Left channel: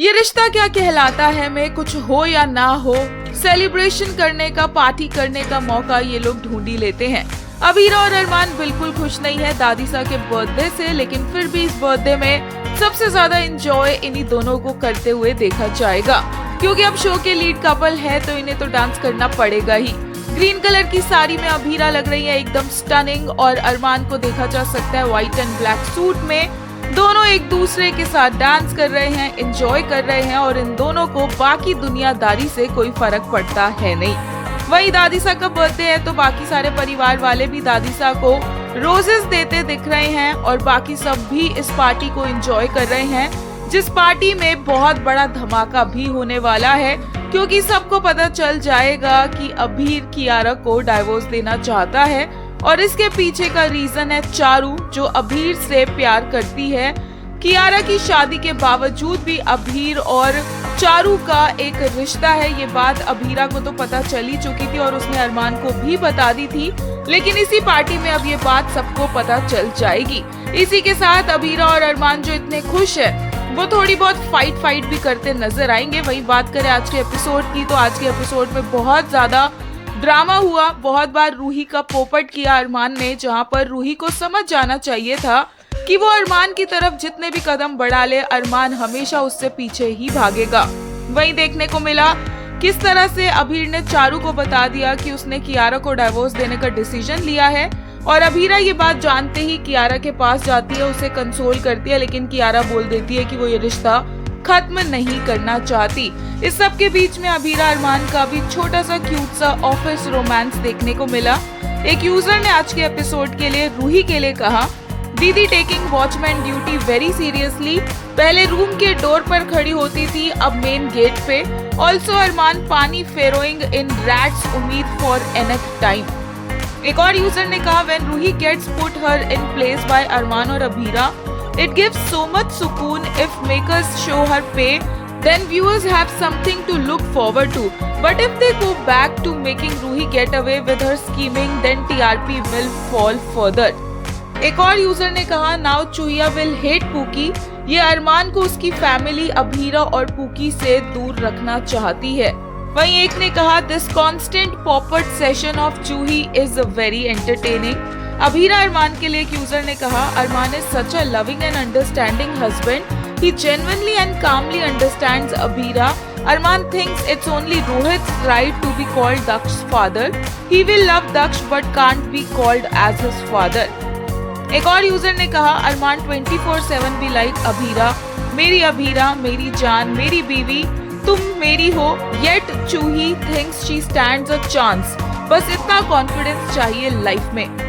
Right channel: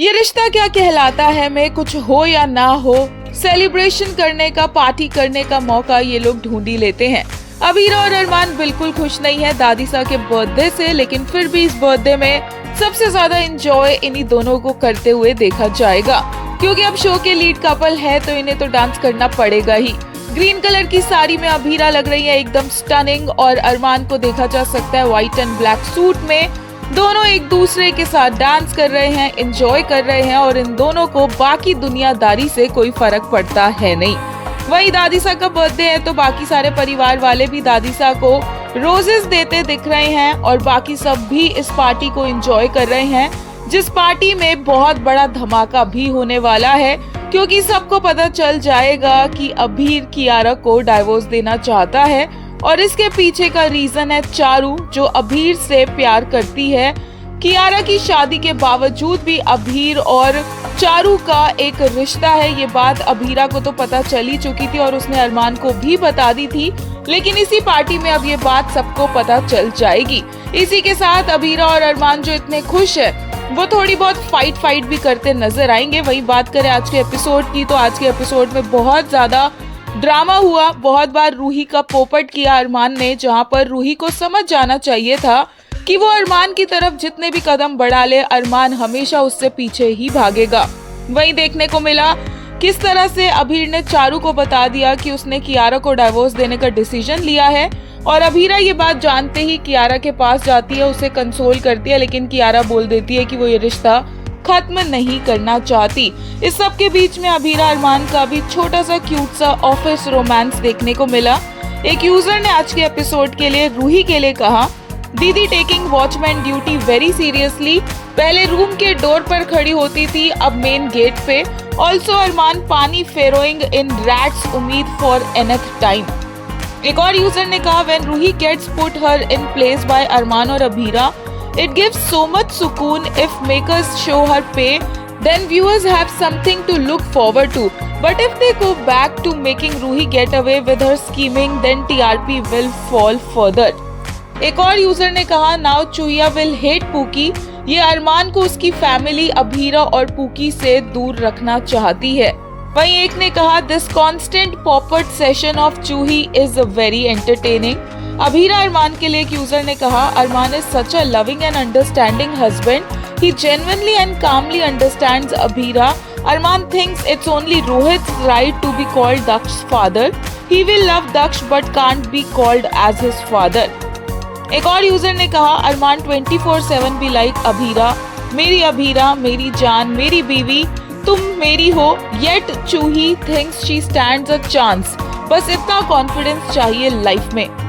ये रिश्ता क्या कहलाता है में कुछ हो या ना हो, सेलिब्रेशन करने का, पार्टी करने का मौका ये लोग ढूंढ ही लेते हैं। अभीरा और अरमान बिल्कुल खुश नहीं है दादीसा के बर्थडे से, लेकिन फिर भी इस बर्थडे में सबसे ज्यादा एंजॉय इन्हीं दोनों को करते हुए देखा जाएगा, क्योंकि अब शो के लीड कपल है तो इन्हें तो डांस करना पड़ेगा ही। ग्रीन कलर की साड़ी में अभीरा लग रही है एकदम स्टनिंग, और अरमान को देखा जा सकता है व्हाइट एंड ब्लैक सूट में। दोनों एक दूसरे के साथ डांस कर रहे हैं, एंजॉय कर रहे हैं, और इन दोनों को बाकी दुनियादारी से कोई फर्क पड़ता है नहीं। वहीं दादीसा का बर्थडे है तो बाकी सारे परिवार वाले भी दादीसा को रोजेस देते दिख रहे हैं, और बाकी सब भी इस पार्टी को एंजॉय कर रहे हैं, जिस पार्टी में बहुत बड़ा धमाका भी होने वाला है, क्योंकि सबको पता चल जाएगा कि अभीर कियारा को डाइवोर्स देना चाहता है, और इसके पीछे का रीजन है चारू, जो अभीर से प्यार करती है। कियारा की शादी के बावजूद भी अभीर और चारू का एक रिश्ता है, ये बात अभीरा को तो पता चल ही चुकी थी और उसने अरमान को भी बता दी थी, लेकिन इसी पार्टी में अब ये बात सबको पता चल जाएगी। इसी के साथ अभीरा और अरमान जो इतने खुश है वो थोड़ी बहुत फाइट भी करते नजर आएंगे। वही बात करें आज के एपिसोड की, तो आज के एपिसोड में बहुत ज्यादा ड्रामा हुआ। बहुत बार रूही का पोपट किया अरमान ने, जहां पर रूही को समझ जाना चाहिए था कि वो अरमान की तरफ जितने भी कदम बढ़ा ले, अरमान हमेशा उससे पीछे ही भागेगा। वहीं देखने को मिला किस तरह से अभीर ने चारू को बता दिया कि उसने कियारा को डाइवोर्स देने का डिसीजन लिया है, और अभीरा ये बात जानते ही कियारा के पास जाती है, उसे कंसोल करती है, लेकिन कियारा बोल देती है कि वो ये रिश्ता खत्म नहीं करना चाहती। इस सब के बीच में अभीरा अरमान का भी छोटा सा क्यूट सा ऑफिस रोमांस देखने को मिला। एक यूजर ने आज के एपिसोड के लिए रूही के लिए कहा, दीदी taking watchman duty very seriously. पहले रूम के डोर पर खड़ी होती थी, अब मेन गेट पे। ऑल्सो अरमान पानी फेरोइंग इन रैट्स उम्मीद फॉर एनथ टाइम। एक और यूजर ने कहा, when Roohi gets put her in place by Armaan और Abhira, it gives so much sukoon if makers show her pain, then viewers have something to look forward to. But if they go back to making Ruhi get away with her scheming, then TRP will fall further. एक और user ने कहा, now चूहिया will hate pookie. ये अरमान को उसकी family Abhira और pookie से दूर रखना चाहती है। वहीं एक ने कहा, this constant pop-up session of चूही is very entertaining. Abhira अरमान के लिए एक यूजर ने कहा, Armaan is such a loving and understanding husband. He genuinely and calmly understands Abhira. Armaan thinks it's only Rohit's right to be called Daksh father. He will love Daksh but can't be called as his father. एक और user ने कहा, अरमान 24/7 be like Abhira, मेरी जान, मेरी बीवी, तुम मेरी हो। Yet Chuhi thinks she stands a chance. बस इतना कॉन्फिडेंस चाहिए लाइफ में।